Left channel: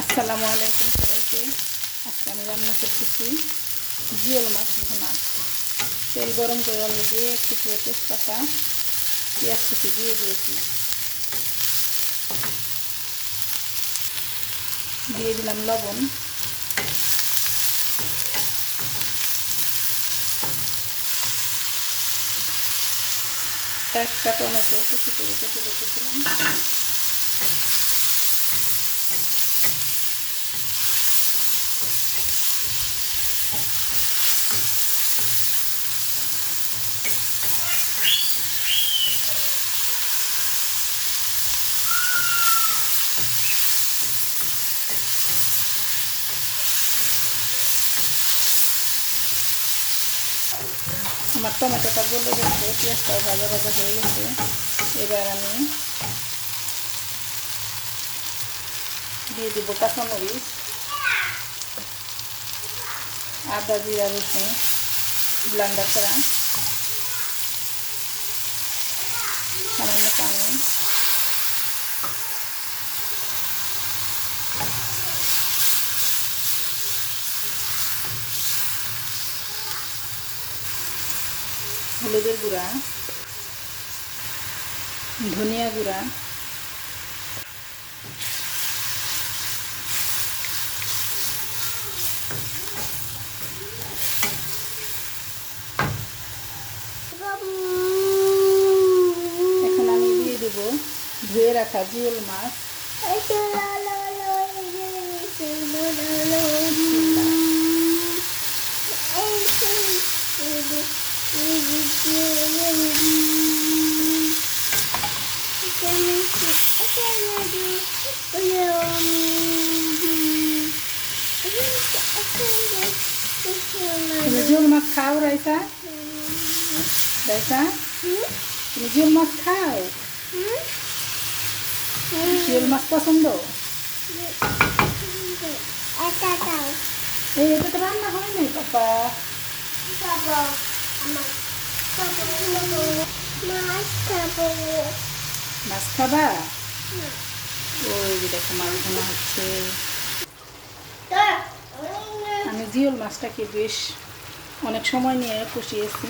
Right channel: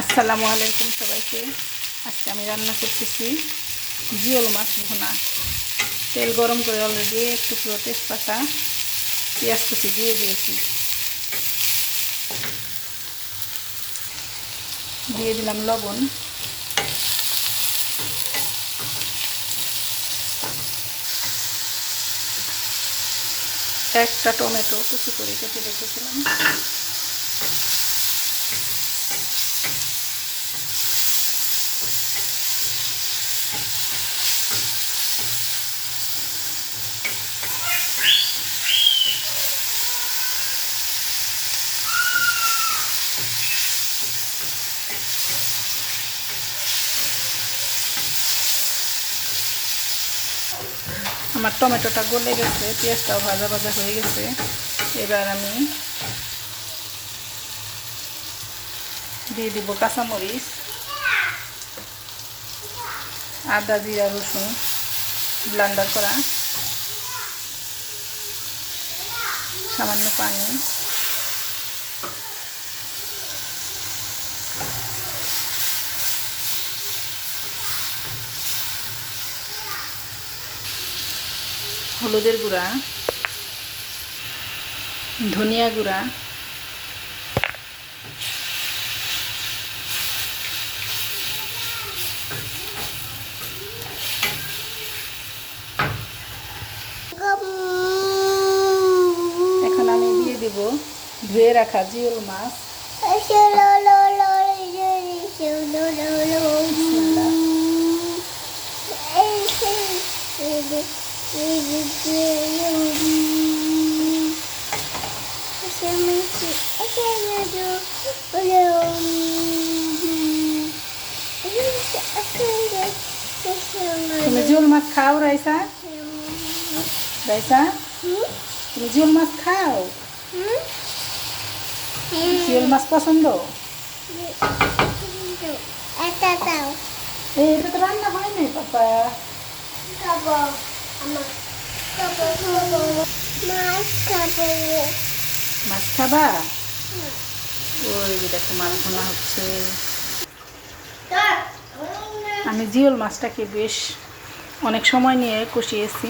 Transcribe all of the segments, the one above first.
আসসালামু আলাইকুম সবাইকে। আজকে আমি রান্না করতেছি জিওল মাছ ভুনা। তেল গরম করে অলরেডি একটু পুরো তেজপাতা, পেঁয়াজ কুচি দিয়ে দিয়েছি। দিয়ে দিলাম লবণ। একটা টমেটো কুচি করে কেটে রেখেছিলাম। আমার টমেটোটা গলে গেছে, পেঁয়াজটাও ভাজা ভাজা হয়ে গেছে। এবার আমি দিয়ে দিব কাঁচামরিচ, আদা, জিরা, রসুন, ব্লান্ডার করা, সামান্য পানি। হলুদের গুঁড়া ধনিয়া গুঁড়া এখন আমি দেব ধুয়ে রাখা জিওল মাছ। তুমি জিওল মাছ খাও রাইসা? রাইসা? তুমি জিওল মাছ খাও? জিওল মাছ পছন্দ? এটা তো রান্না হয় নাই পাপা। মাছ খাবা? ওই দেখো মাছ হচ্ছে। আমি জিওল মাছটাকে বেশ অনেক সময় নিয়ে কষিয়েছি,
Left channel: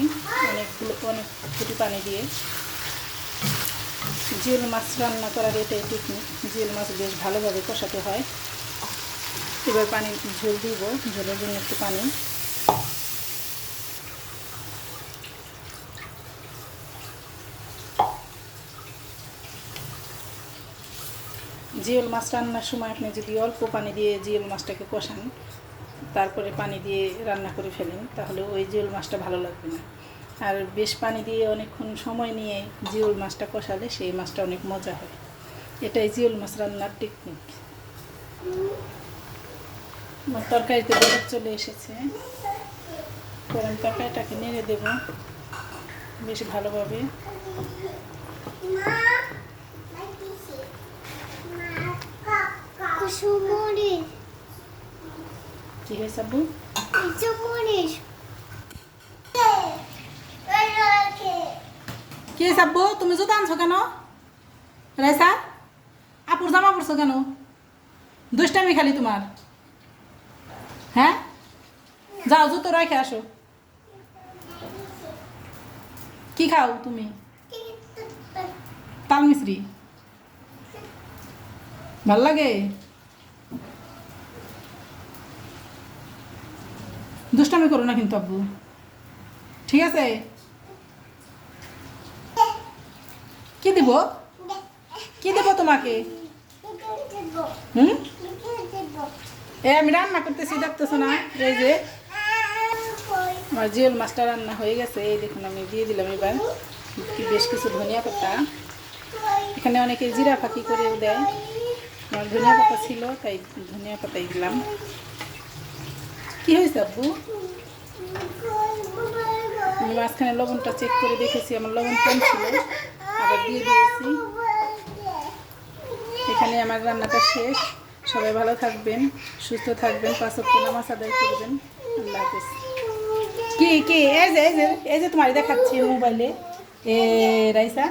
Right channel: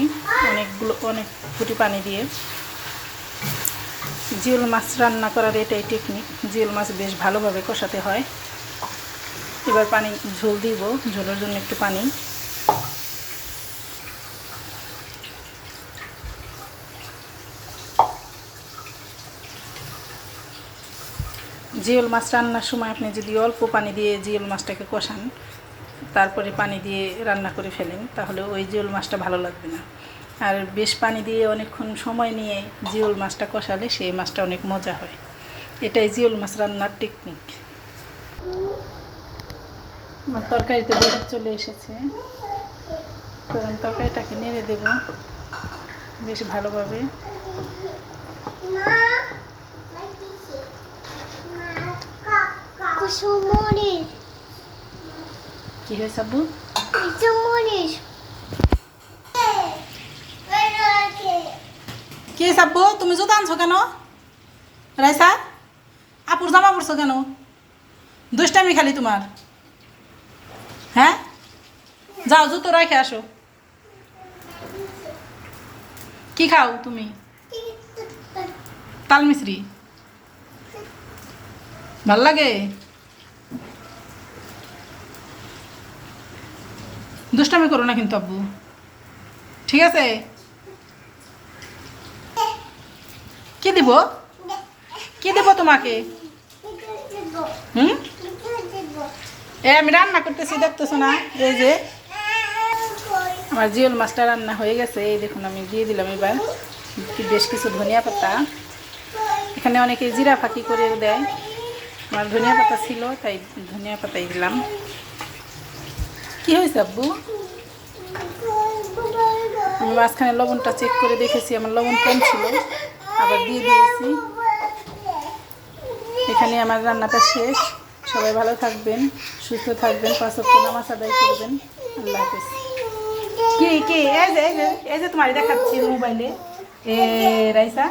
অনেকগুলো, অনেক ফুটি পানি দিয়ে। জিওল মাছ রান্না করার এটাই টেকনিক জিওল মাছ বেশ ভালোভাবে কষাতে হয়। এবার পানি ঝোল দিব, ঝোলের জন্য একটু পানি। জিওল মাছ রান্নার সময় আপনি যদি অল্প পানি দিয়ে জিওল মাছটাকে কষান, তারপরে পানি দিয়ে রান্না করে ফেলেন, তাহলে ওই জিওল মাছটা ভালো লাগবে না। আর বেশ পানি দিয়ে অনেকক্ষণ সময় নিয়ে জিওল মাছটা কষালে সেই মাছটা অনেক মজা হয়। এটাই জিওল মাছ রান্নার টেকনিক আমার তরকারিতে বরফ চলে এসেছে। আমি তরকারিটাকে নেড়ে দেব বেশ ভালোভাবে। কুসুমরিস কী হয়েছে আব্বু? কুসুমরিস কে সাব্বু তুমি জুতো আনছো কেন? রাইসা আপুর জামা পড়ছো কেন? দুষ্টামি খালি তোমার। হ্যাঁ? যাও জুতো রেখে আসো। কি খাও তুমি? তাল মিশ্রি ভালো লাগে দুষ্টামি করো না কিন্তু আব্বু। ঠিক আছে? কি দিব? কি দেব তোমাকে? হুম? এ, আমি রান্না করতেছি, দেখতেছো না? এই যে, আমার জিওল মাছটা রান্না হয়ে গেছে। এই দেখুন, আমি দিয়ে দিলাম এবার। বেশ কিছু ধনিয়া পাতা। এখানে অনেকে জিরা ফাঁকি করেও দেয়। আমার ধনিয়া পাতা ছিল, তাই ধনিয়া পাতাই দিলাম। কি হয়েছে আব্বু? আমি মাঝখানে লবণটা চেক করে দেখেছি, আমার লবণ কম ছিল, আবার দিয়ে দিয়েছি। এখানে আমার রান্নাটা শেষ। সবাই ভালো থাকবেন, সুস্থ থাকবেন, পাঁচ সপ্তাহ নামাজ আদায় করবেন। আল্লাহ হাফেজ। কি কি, এই যে এই যে এই যে তোমার দেখাচ্ছি মোবাইলে। এ, রাইসা?